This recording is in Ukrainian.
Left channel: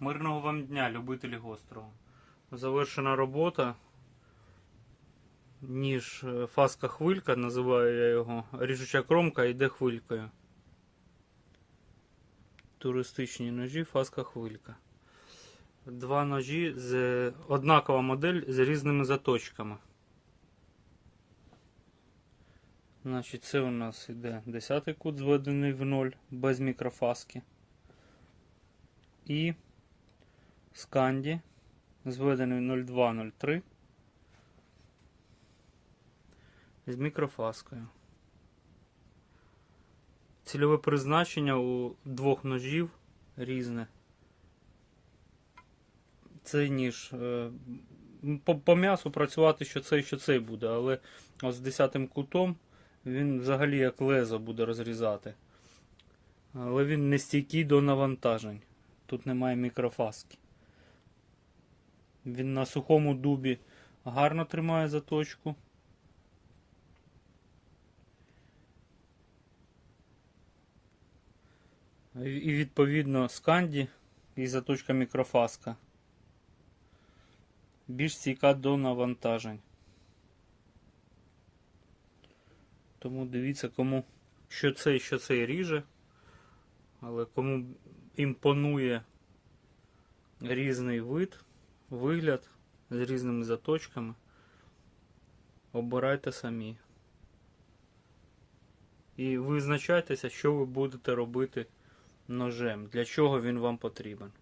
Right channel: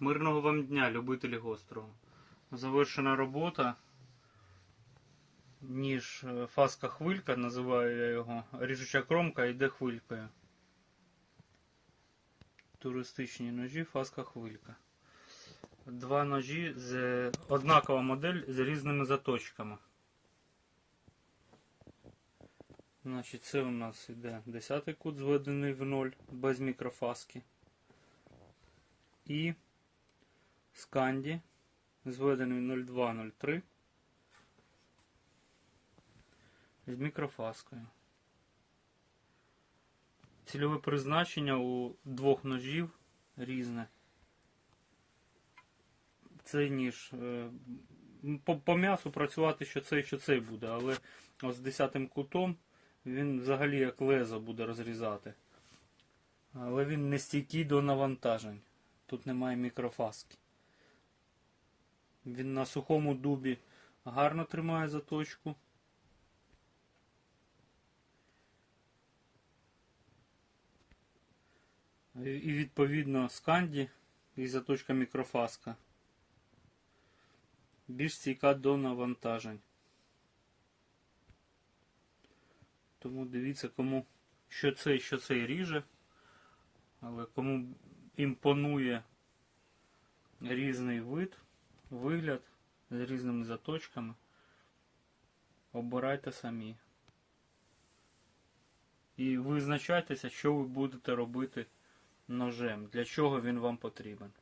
Мирного вам дня, любителі гострого. Завершена робота. Ніж е, фаска хвилька, називаю я його. Ріжуча кромка йде хвилькою. Туристичні ножі, фаска хвилька. Два ножі з однакова модель з різними заточками. Значить, це у нас іде 10 кут зведений в ноль без мікрофаски. І сканді зведений 0203 з мікрофаскою. Цільове призначення у двох ножів різне. Цей ніж е, по, по м'ясу працювати що цей, що цей буде, але ось з 10 кутом він взагалі як лезо буде розрізати. Але він не стійкий до навантажень. Тут немає мікрофаски. Він на сухому дубі гарно тримає заточку. І відповідно сканді і заточка мікрофаска. Більш стійка до навантажень. Тому дивіться, кому що цей, що цей ріже. Але кому імпонує різний вид, вигляд з різними заточками, обирайте самі. І визначайтеся, що ви будете робити ножем, для чого він вам потрібен.